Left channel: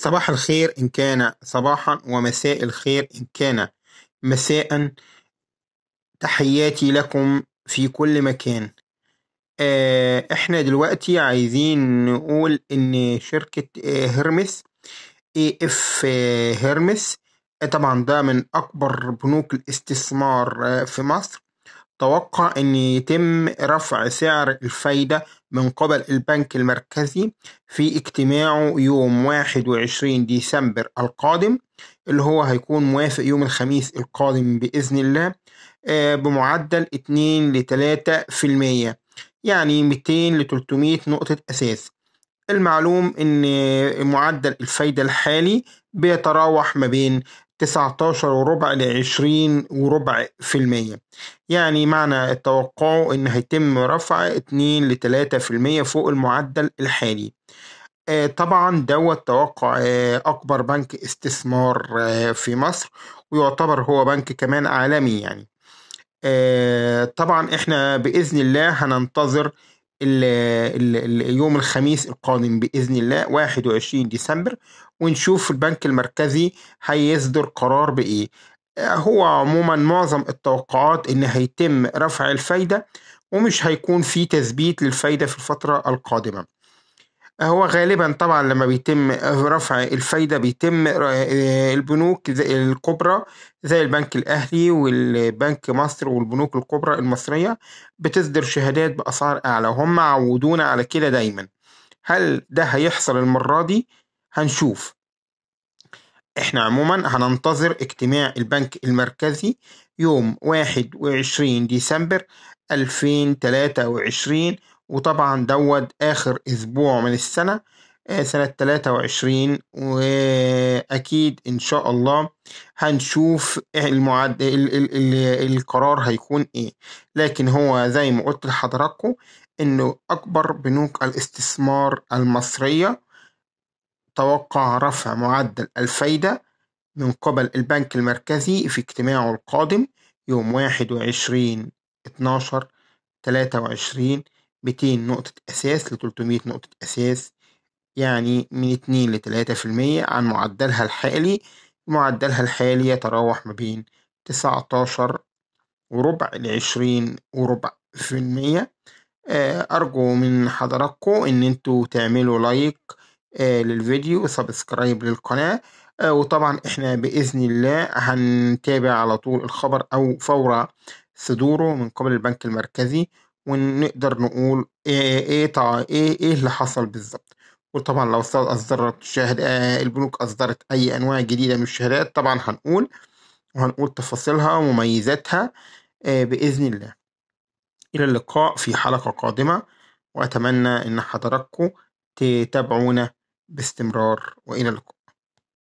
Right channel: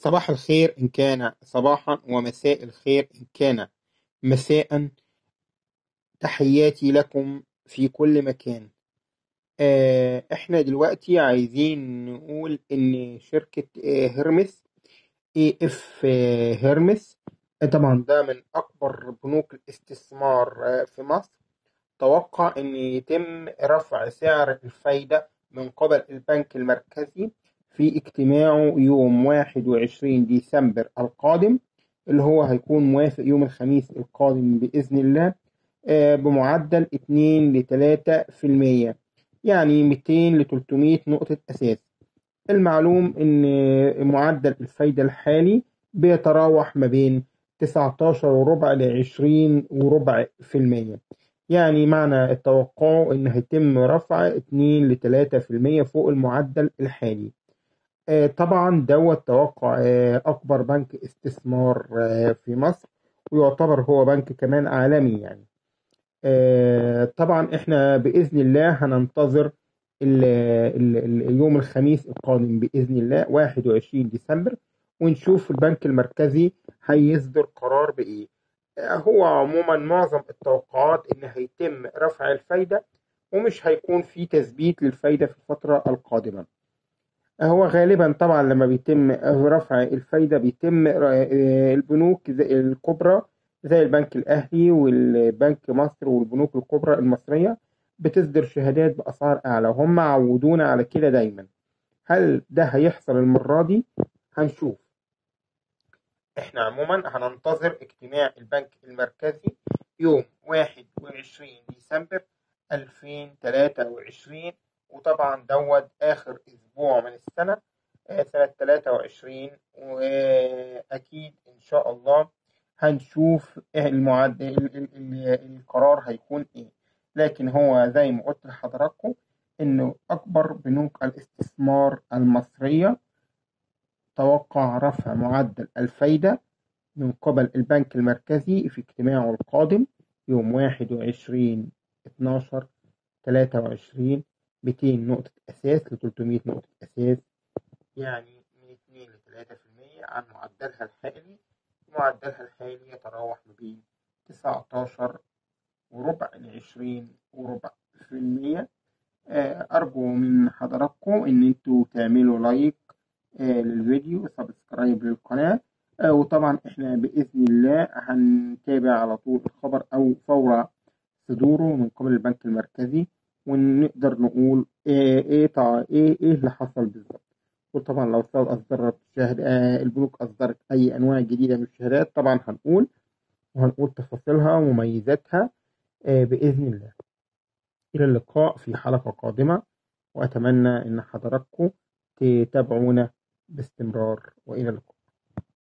صباح الخير إن كان صباحا، ومساء الخير إن كان مساء. تحياتي لكم في كل مكان. إحنا دلوقتي عايزين نقول إن شركة هيرمس، اي اف هيرمس. طبعا ده من أكبر بنوك الاستثمار في مصر. توقع أن يتم رفع سعر الفايدة من قبل البنك المركزي في اجتماعه يوم 21 ديسمبر القادم، اللي هو هيكون موافق يوم الخميس القادم بإذن الله، بمعدل 2 ل 3%، يعني 200 ل 300 نقطة أساس. المعلوم إن معدل الفايدة الحالي بيتراوح ما بين 19 وربع ل20 وربع في المية. يعني معنى التوقع إن هيتم رفع 2 ل 3% فوق المعدل الحالي. طبعا دوت توقع أكبر بنك استثمار في مصر، ويعتبر هو بنك كمان عالمي يعني. طبعا احنا بإذن الله هننتظر يوم الخميس القادم بإذن الله 21 ديسمبر، ونشوف البنك المركزي هيصدر قرار بإيه. هو عموما معظم التوقعات إن هيتم رفع الفايدة، ومش هيكون في تثبيت للفايدة في الفترة القادمة. هو غالبا طبعا لما بيتم رفع الفايدة بيتم البنوك الكبرى زي البنك الأهلي والبنك مصر والبنوك الكبرى المصرية بتصدر شهادات بأسعار أعلى، وهم عودونا على كده دايما. هل ده هيحصل المرة دي؟ هنشوف. احنا عموما هننتظر اجتماع البنك المركزي يوم 21 ديسمبر 2023، وطبعا دوت آخر أسبوع من السنة، سنة 23، وأكيد إن شاء الله هنشوف القرار هيكون إيه. لكن هو زي ما قلت لحضراتكم إنه أكبر بنوك الاستثمار المصرية توقع رفع معدل الفايدة من قبل البنك المركزي في اجتماعه القادم يوم 21/12/23، 200 نقطة أساس ل 300 نقطة أساس، يعني من 2 ل 3% عن معدلها الحالي. معدلها الحالي يتراوح ما بين 19 وربع ل20 وربع في المية. أرجو من حضراتكم إن انتوا تعملوا لايك للفيديو وسبسكرايب للقناة. وطبعا احنا بإذن الله هنتابع على طول الخبر أو فور صدوره من قبل البنك المركزي، ونقدر نقول ايه اللي حصل بالظبط. وطبعا لو أصدرت البنوك أصدرت أي أنواع جديدة من الشهادات طبعا وهنقول تفاصيلها ومميزاتها بإذن الله. إلى اللقاء في حلقة قادمة، وأتمنى إن حضراتكم تتابعونا باستمرار، وإلى اللقاء.